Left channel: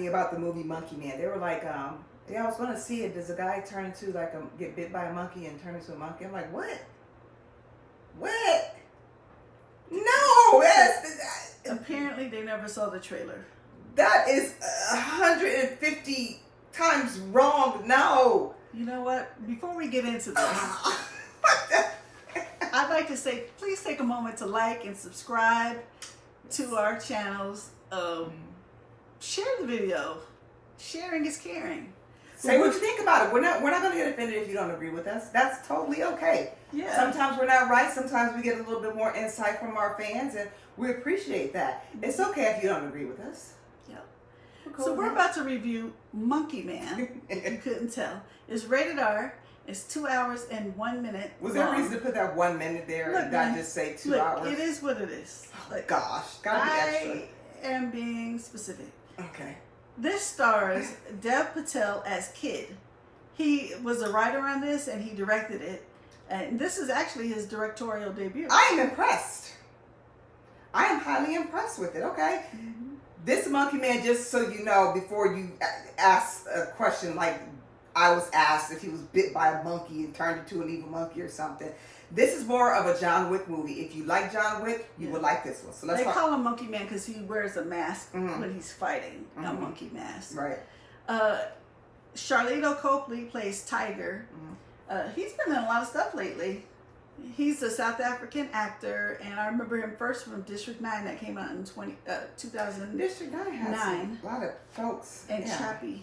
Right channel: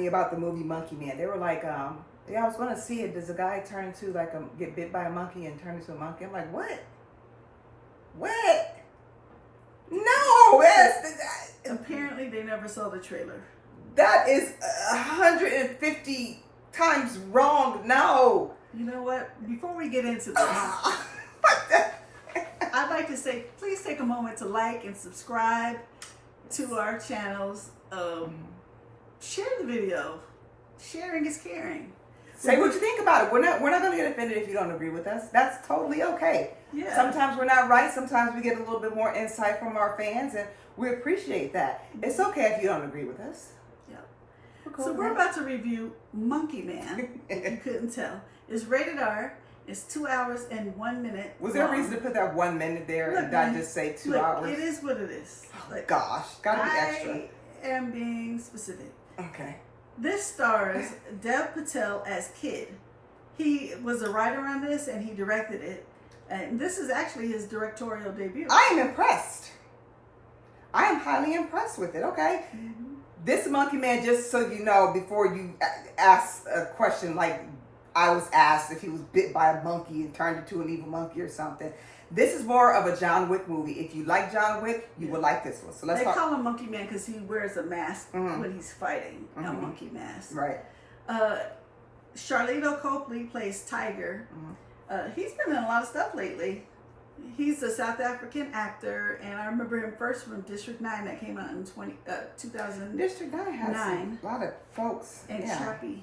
me about the movie Monkey Man. They were like, yeah, I was going to see it. Does a guy turn into like get bit by a monkey and turn into a monkey? I'm like, what? What? No, apparently they never saw the trailer. That is 150 times wrong. No. You know what? Before we get into this, I'd like to say, please take a moment to like and subscribe to our channels. Share the video. Sharing is caring. Say what you think about it. We're not going to get offended if you don't agree with us. That's totally okay. Yeah. Sometimes we're not right. Sometimes we get a little bit more insight from our fans, and we appreciate that. It's okay if you don't agree with us. Yeah. So we're about to review Monkey Man. If you couldn't tell, it's rated R. It's 2 hours and 1 minute. Was there a reason to put that 1 minute there and not just say 2 hours? It is what it is. Like, gosh, gotta be extra. I am being specific. Okay. This stars Dev Patel as Kid. He was a writer on this and he directed it. And this is actually his directorial debut. I am impressed. I am highly impressed with it. Okay. Mm-hmm. This Monkey Man, just so you know, before you ask a question like I was asked if he was bit by a monkey and turned into an evil monkey or something. This is more of a John Wick movie. If you like John Wick, you would like this one. So let's talk. They call him Monkey Man because he wears a mask when he's fighting, a monkey mask. Right. Charlito Copley plays Tiger. He's been in a lot of stuff lately. He's a South African actor, and I remember him first from District 9 that came out in 2000. District 9 has a lot of folks. And Chappie.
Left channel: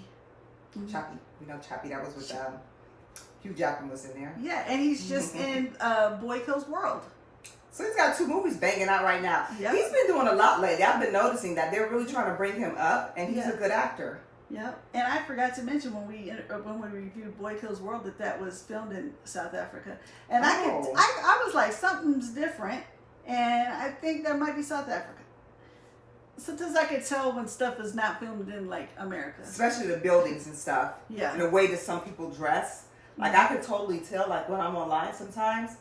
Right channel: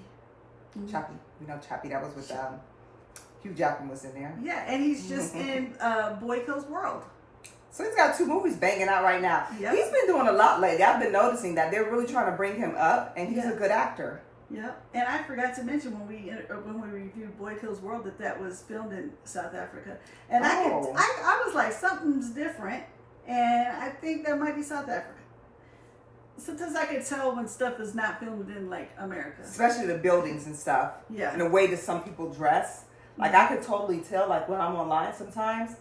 Chappie. We know Chappie. That was with Hugh Jackman was in there. Yeah, and he's just in Boy Kills World. So he's got 2 movies banging out right now. Yep. He's been doing a lot lately. I've been noticing that they're really trying to bring him up, and he's a good actor. Yep. And I forgot to mention when we reviewed Boy Kills World that was filmed in South Africa, and I was like, something's different, and I think that might be South Africa. Sometimes I could tell when stuff is not filmed in like America, especially the buildings and stuff. Yeah. And the way that some people dress. Like, I could totally tell, like, when I'm online sometimes,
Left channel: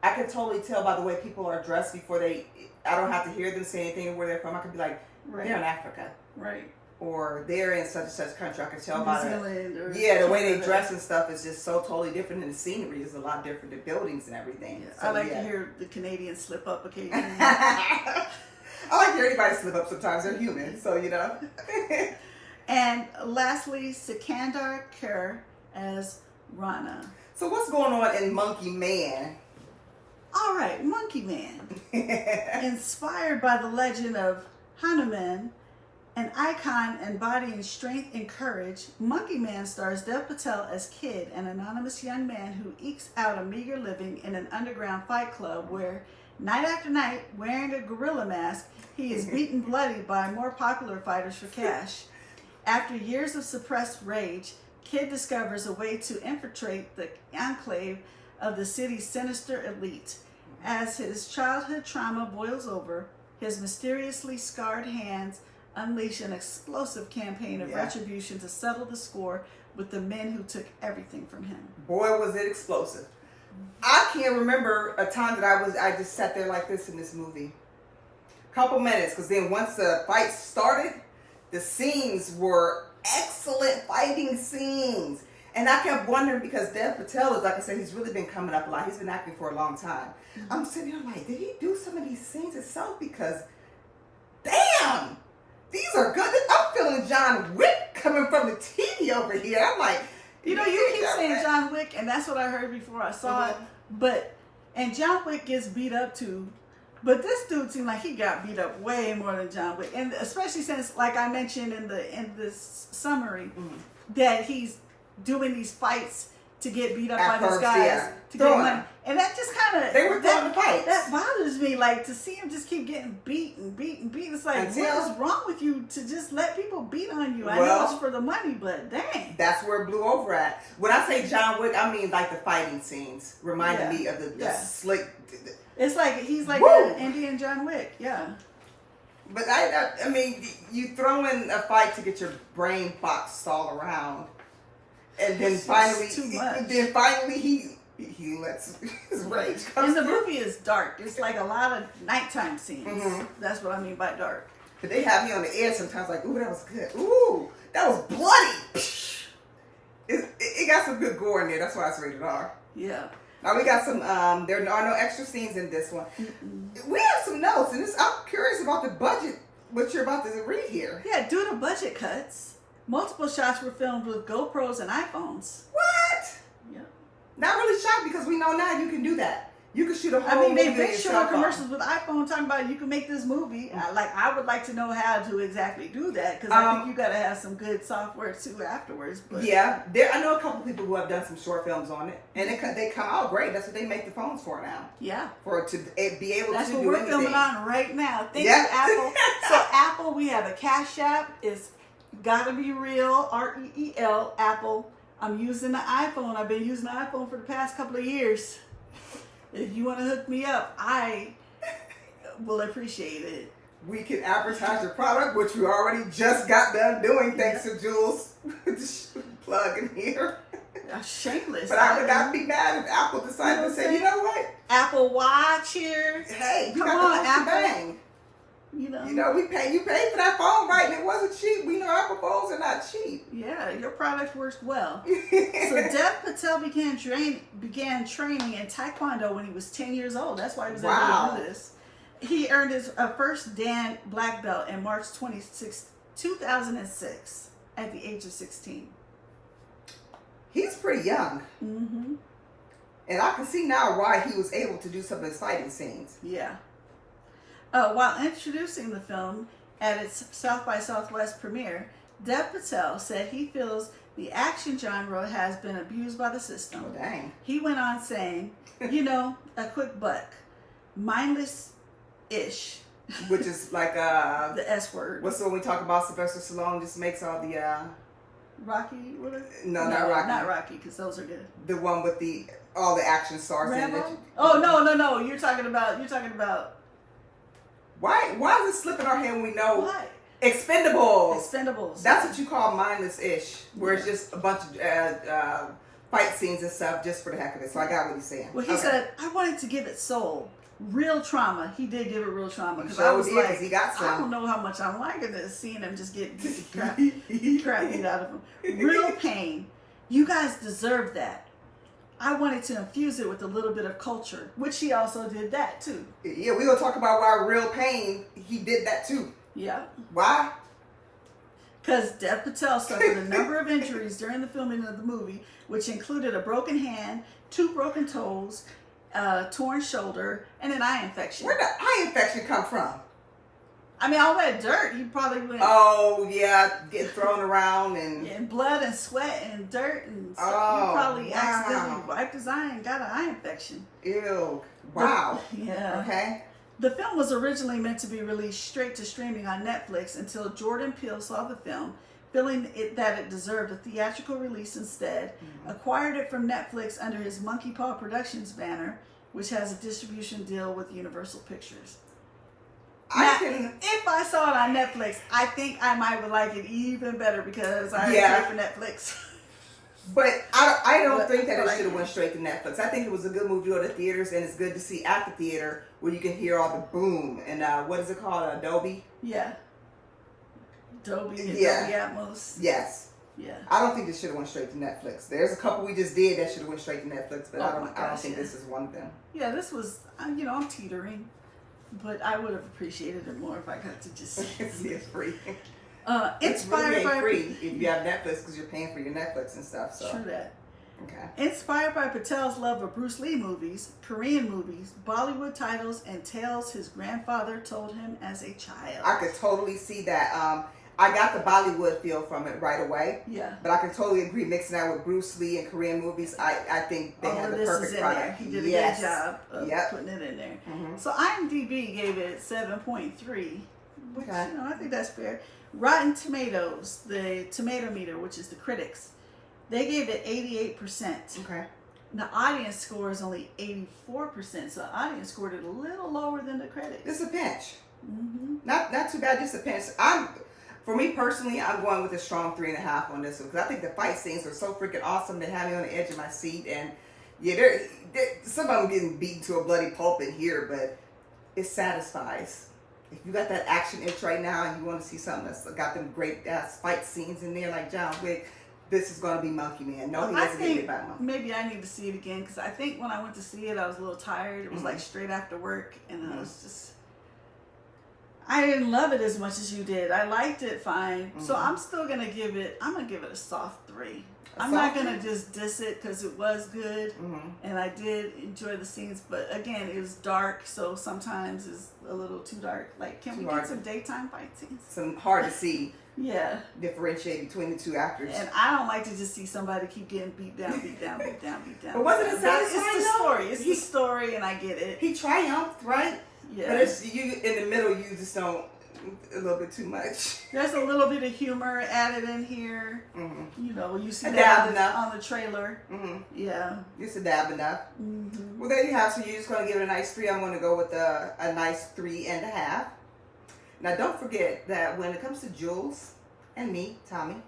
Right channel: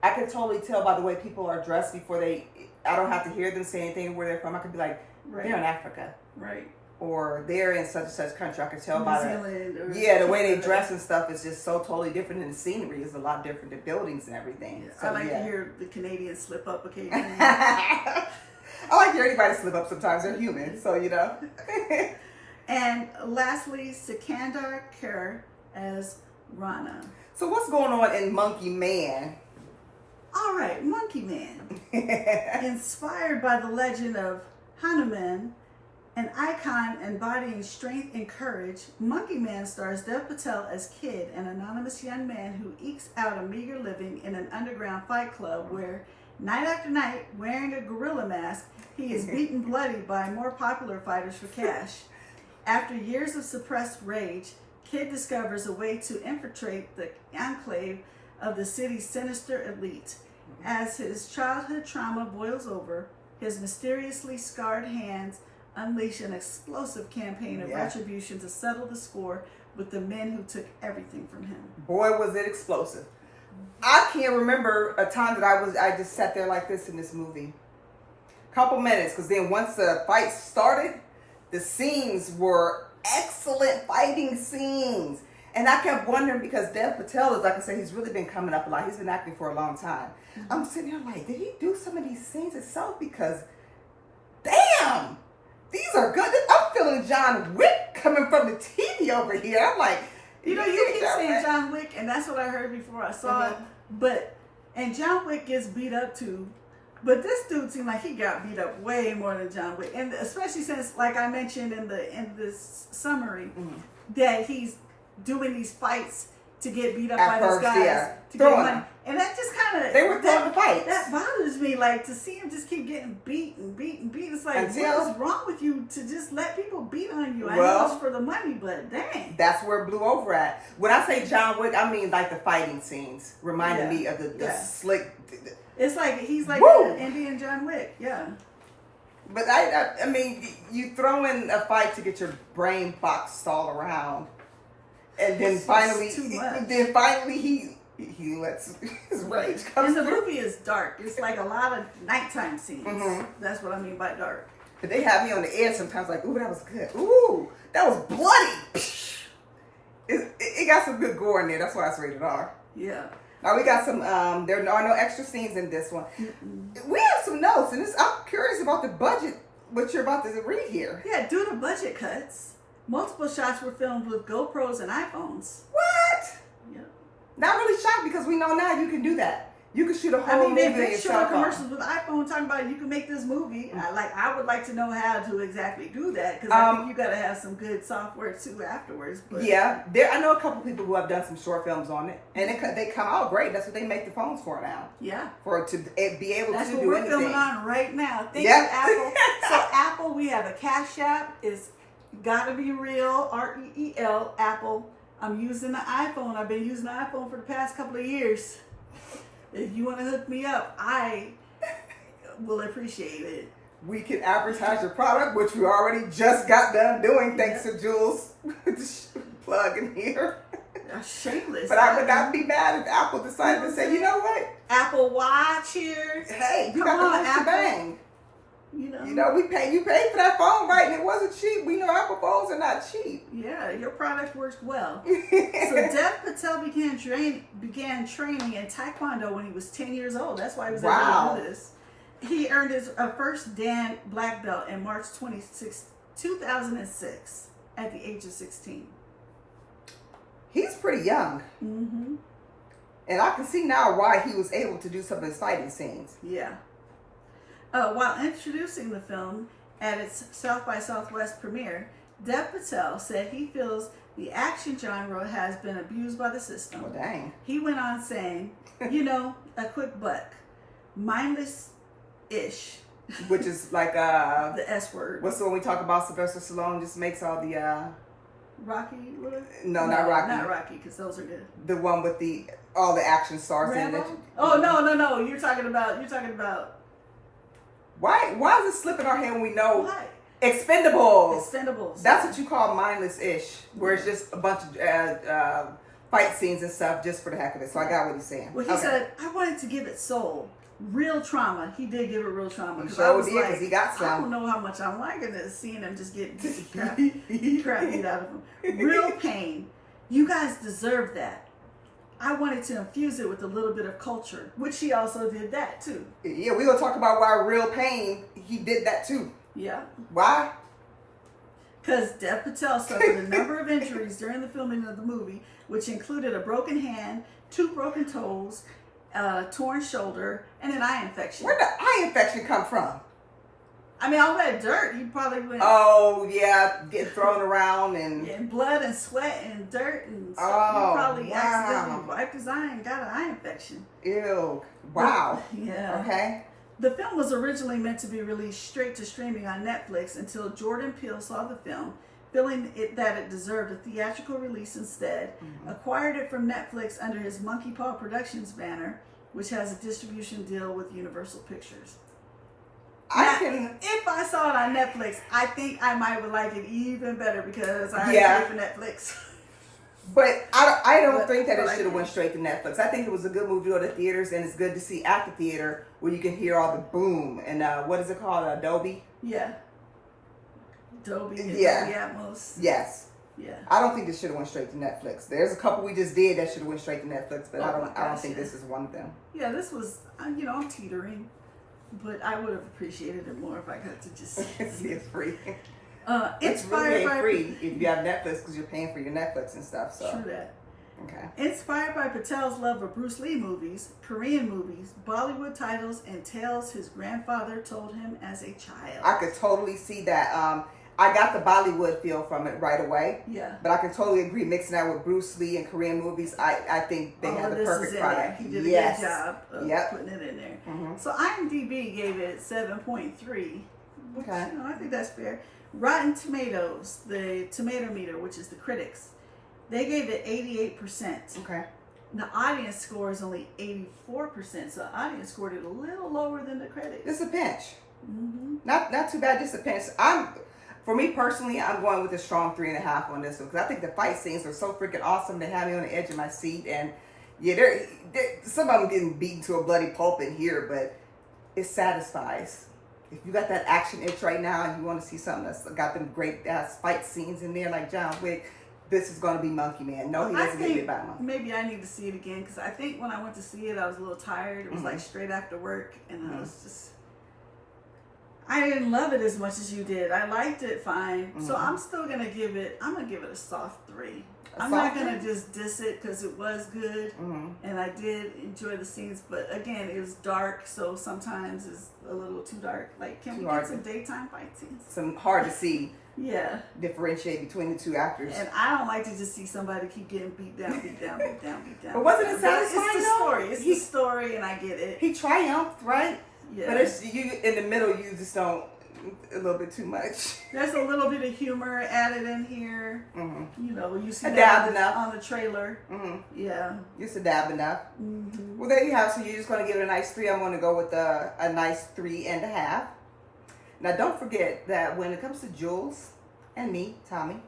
I could totally tell by the way people are dressed before I don't have to hear them say anything where they're from. I could be like, they're in Africa. Right. Or they're in such and such country. I could tell New by Zealand. Yeah, the way they dress and stuff is just so totally different, and the scenery is a lot different, the buildings and everything. Yeah. So, I like to hear the Canadians slip up occasionally. I like to hear anybody slip up sometimes. They're human, so, you know. And lastly, Sikandar Kher as Rana. So what's going on in Monkey Man? All right, Monkey Man. Inspired by the legend of Hanuman, an icon embodying strength and courage, Monkey Man stars Dev Patel as Kid, an anonymous young man who ekes out a meager living in an underground fight club where, night after night, wearing a gorilla mask, he is beaten bloody by more popular fighters for cash. After years of suppressed rage, Kid discovers a way to infiltrate the enclave of the city's sinister elite. As his childhood trauma boils over, his mysteriously scarred hands unleash an explosive campaign of retribution to settle the score with the men who took everything from him. Boy, was it explosive. I can't remember a time that I just sat there like this in this movie. Couple minutes, because then once the fight started, the scenes were excellent fighting scenes. And I kept wondering, because Dev Patel is, like I said, he's really been coming up a lot. He's been acting for a long time. I'm sitting there like, did he do some of these scenes himself? Because, damn, these are good. I'm feeling John Wick coming from the TV over here. I'm like, you know, you keep saying John Wick, and that's what I heard before I saw it. And John Wick gets beat up too. But this dude seemed like he got beat up way more than John Wick, and especially since, like I mentioned in this summary, that he's doing these fights to get beat up by these guys to get money, and that just kind of they were throwing the fights. That bothers me, like to see him just keep getting beaten. It's like, what is wrong with you to just let people beat on you? I know it's for the money, but dang, that's where it blew over at. When I say John Wick, I mean like the fighting scenes reminded me of the slick. It's like he's like an Indian John Wick, But I mean, you throw in a fight to get your brain boxed all around, and then finally, he lets his rage come. And the movie is dark. It's like a lot of nighttime scenes. That's what I mean by dark. But they have me on the edge sometimes, like, ooh, that was good. Ooh, that was bloody. It got some good gore in there. That's why it's rated R. Yeah. Now we got some. There are no extra scenes in this one. We have some notes, and I'm curious about the budget. What you're about to read here? Yeah, due to budget cuts, multiple shots were filmed with GoPros and iPhones. What? Yep. Not really shocked because we know now you can do that. You can shoot a whole movie they've on been your showing cell phone. commercials with iPhone talking about you can make this movie. I would like to know how to exactly do that because I think you got to have some good software too afterwards. But. Yeah, I know a couple people who have done some short films on it, and they come out great. That's what they make the phones for now. Yeah, to be able That's to what do we're anything. filming on right now. Thank Yeah. you, Apple. So Apple, we have a Cash App. It's GottaBeReel, REEL, Apple. I'm using the iPhone. I've been using the iPhone for the past couple of years. If you want to hook me up, I will appreciate it. We can advertise your product, which we already just got done doing, thanks to Jules. Plug in here. Shameless. But I would not be mad if Apple decided to say, you know what? Apple Watch here. Hey, you Come got on, the Apple. bang. You know, You paid for that phone, right? And it wasn't cheap. We know Apple phones are not cheap. Yeah, your product works well. So Dev Patel began training in Taekwondo when he was 10 years old. That's why he was able to do this. He earned his first Dan black belt in March 26, 2006 at the age of 16. He's pretty young. Mm-hmm. And I can see now why he was able to do some of the fighting scenes. Yeah. While introducing the film at its South by Southwest premiere, Dev Patel said he feels the action genre has been abused by the system. Oh, dang. He went on saying, a quick buck, mindless-ish. Which is like The S word. what's the one we talk about? Sylvester Stallone just makes all the Rocky? What is it? No, not Rocky. Not Rocky, because those are good. the one with all the action stars Rambo? in it. Oh, no. You're talking about. Why is it slipping our hand when we know What? Expendables? Expendables. That's what you call mindless-ish, where it's just a bunch of fight scenes and stuff just for the heck of it. So I got what he's saying. Well, he said, I wanted to give it soul. Real trauma. He did give it real trauma. He Because sure I was did, like, 'cause he got some. I don't know how much I'm liking this, seeing him just get crap beat out of him. Real pain. You guys deserve that. I wanted to infuse it with a little bit of culture, which he also did that too. Yeah, we're going to talk about why Real Pain, he did that too. Yeah. Why? Because Dev Patel suffered a number of injuries during the filming of the movie, which included a broken hand, 2 broken toes, a torn shoulder, and an eye infection. Where'd the eye infection come from? I mean, all that dirt, he probably went... Oh, yeah, getting thrown around and... And blood and sweat and dirt and stuff. Oh, He probably wow. accidentally wiped his eye and got an eye infection. Ew. Wow. Yeah. Okay. The film was originally meant to be released straight to streaming on Netflix until Jordan Peele saw the film, feeling that it deserved a theatrical release instead, acquired it from Netflix under his Monkey Paw Productions banner, which has a distribution deal with Universal Pictures. If I saw it on Netflix, I think I might would like it even better because I pay for Netflix. But I don't think that it should have went straight to Netflix. I think it was a good movie to go to theaters, and it's good to see at the theater where you can hear all the boom and what is it called, Dolby? Yeah. Dolby Atmos. Yes. Yeah. I don't think this should have went straight to Netflix. There's a couple we just did that should have went straight to Netflix, but I don't think this is one of them. Yeah, this was, I'm teetering, but I would have appreciated it more if I got to just see it's free. It's really ain't free if you have Netflix because you're paying for your Netflix and stuff. So. True that. Okay. Inspired by Patel's love of Bruce Lee movies, Korean movies, Bollywood titles, and tales his grandfather told him as a child. I could totally see that. I got the Bollywood feel from it right away. Yeah. But I can totally agree mixing that with Bruce Lee and Korean movies. I think they have the perfect product. He did a good job of putting it in there. Mm-hmm. So IMDb gave it 7.3, which Okay. I think that's fair. Rotten Tomatoes, the tomato meter, which is the critics, they gave it 88%. Okay. The audience score is only 84%, so the audience scored it a little lower than the critics. It's a pinch. Mm-hmm. Not too bad, just a pinch. For me personally, I'm going with a strong 3.5 on this one because I think the fight scenes were so freaking awesome. They had me on the edge of my seat, and yeah, some of them getting beaten to a bloody pulp in here, but it satisfies. if you got that action itch right now and you want to see something that's got them great ass fight scenes in there like John Wick, this is going to be Monkey Man. No, he doesn't get me by Monkey. Maybe I need to see it again because I think when I went to see it, I was a little tired. It was like straight after work, and I was just. I didn't love it as much as you did. I liked it fine. So I'm still going to give it, I'm going to give it a soft 3. I'm not going to just diss it because it was good. And I did enjoy the scenes. But again, it was dark. So sometimes it's a little too dark. Like, can we get some daytime fight scenes? Some hard to see. Yeah. Differentiate between the two actors. And I don't like to just see somebody keep getting beat down, beat down, beat down, beat down. But wasn't it satisfying? It's the story. It's the story, and I get it. He triumphed, right? Yeah. But it's, you in the middle, you just don't, a little bit too much. There's a little bit of humor added in here. You know, you see a that dab on the trailer. Yeah. Just a dab enough. Well, there you have. So you're just going to give it a nice 3. I'm going to go with a nice 3.5. Now, don't forget that when it comes to Jules and me, Thommi,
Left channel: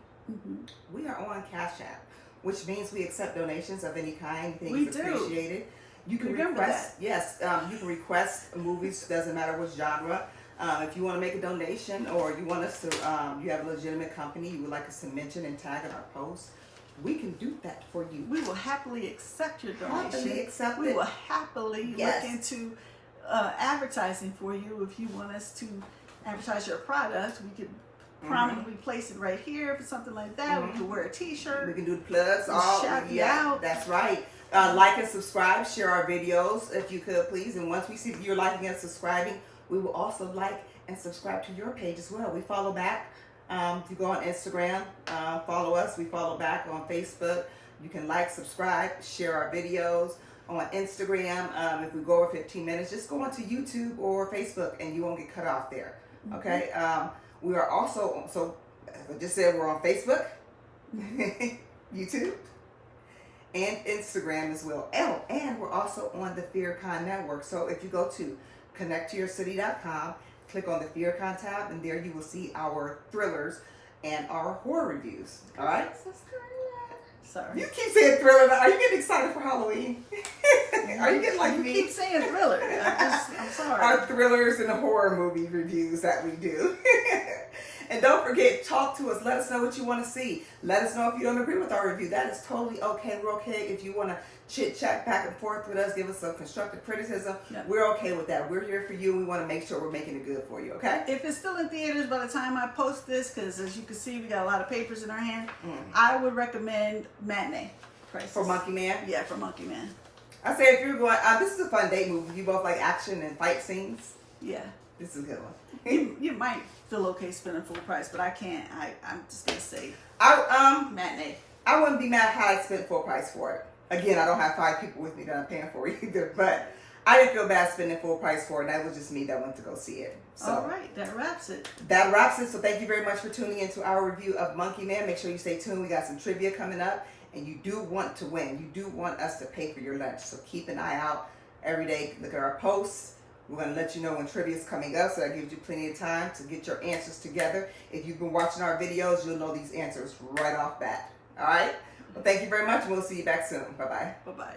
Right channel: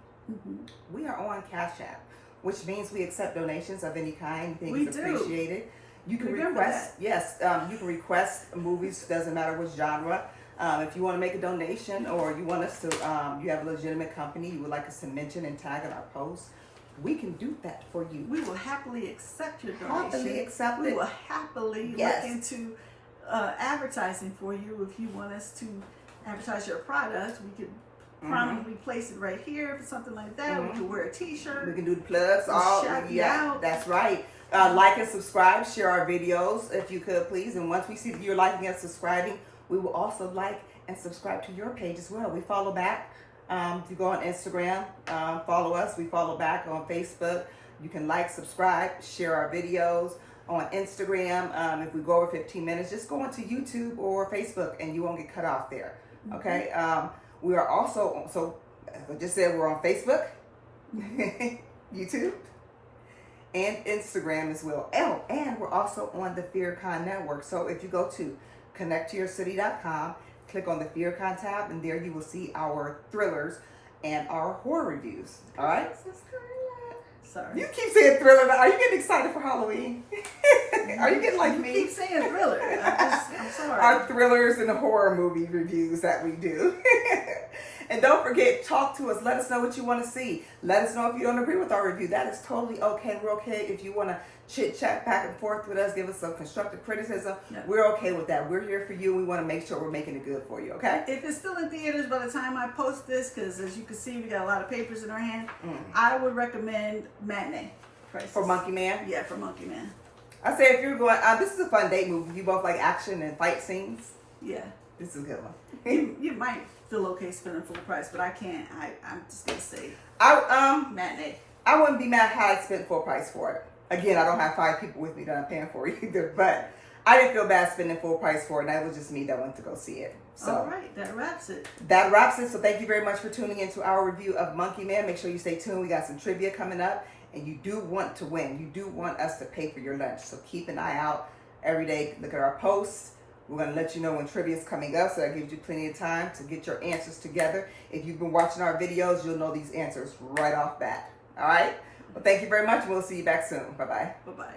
we are on Cash App, which means we accept donations of any kind. Things appreciated. You can request, you can request movies, doesn't matter what genre. If you want to make a donation or you want us to, you have a legitimate company, you would like us to mention and tag in our posts, we can do that for you. We will happily accept your donation. Happily accept we it. will happily look into advertising for you. If you want us to advertise your product, we could prominently place it right here for something like that. We could wear a t-shirt. We can do the plugs. Shout you out. That's right. Like and subscribe, share our videos if you could please. And once we see that you're liking and subscribing, we will also like and subscribe to your page as well. We follow back. If you go on Instagram, follow us. We follow back on Facebook. You can like, subscribe, share our videos on Instagram. If we go over 15 minutes, just go onto YouTube or Facebook and you won't get cut off there. Okay. We are also, so as I just said, we're on Facebook, YouTube, and Instagram as well. Oh, and we're also on the FearCon network. So if you go to connecttoyourcity.com, click on the FearCon tab, and there you will see our thrillers and our horror reviews. All right? Sorry. You keep saying thriller. Are you getting excited for Halloween? Are you getting like me? You keep saying thriller. I'm sorry. Our thrillers and the horror movie reviews that we do. And don't forget, talk to us. Let us know what you want to see. Let us know if you don't agree with our review. That is totally okay. We're okay if you want to chit-chat back and forth with us, give us some constructive criticism. We're okay with that. We're here for you. We want to make sure we're making it good for you, okay? If it's still in theaters by the time I post this, because as you can see, we got a lot of papers in our hand, I would recommend matinee prices. For Monkey Man? Yeah, for Monkey Man. I say if you're going, this is a fun date movie. You both like action and fight scenes. Yeah. This is a good one. You might feel okay spending full price, but I can't. I'm just going to say matinee. I wouldn't be mad how I spent full price for it. Again, I don't have 5 people with me that I'm paying for either, but I didn't feel bad spending full price for it, and that was just me that went to go see it. So all right, that wraps it. That wraps it. So thank you very much for tuning into our review of Monkey Man. Make sure you stay tuned. We got some trivia coming up, and you do want to win. You do want us to pay for your lunch, so keep an eye out every day. Look at our posts. We're going to let you know when trivia is coming up, so that gives you plenty of time to get your answers together. If you've been watching our videos, you'll know these answers right off bat. All right? Well, thank you very much. We'll see you back soon. Bye-bye. Bye-bye.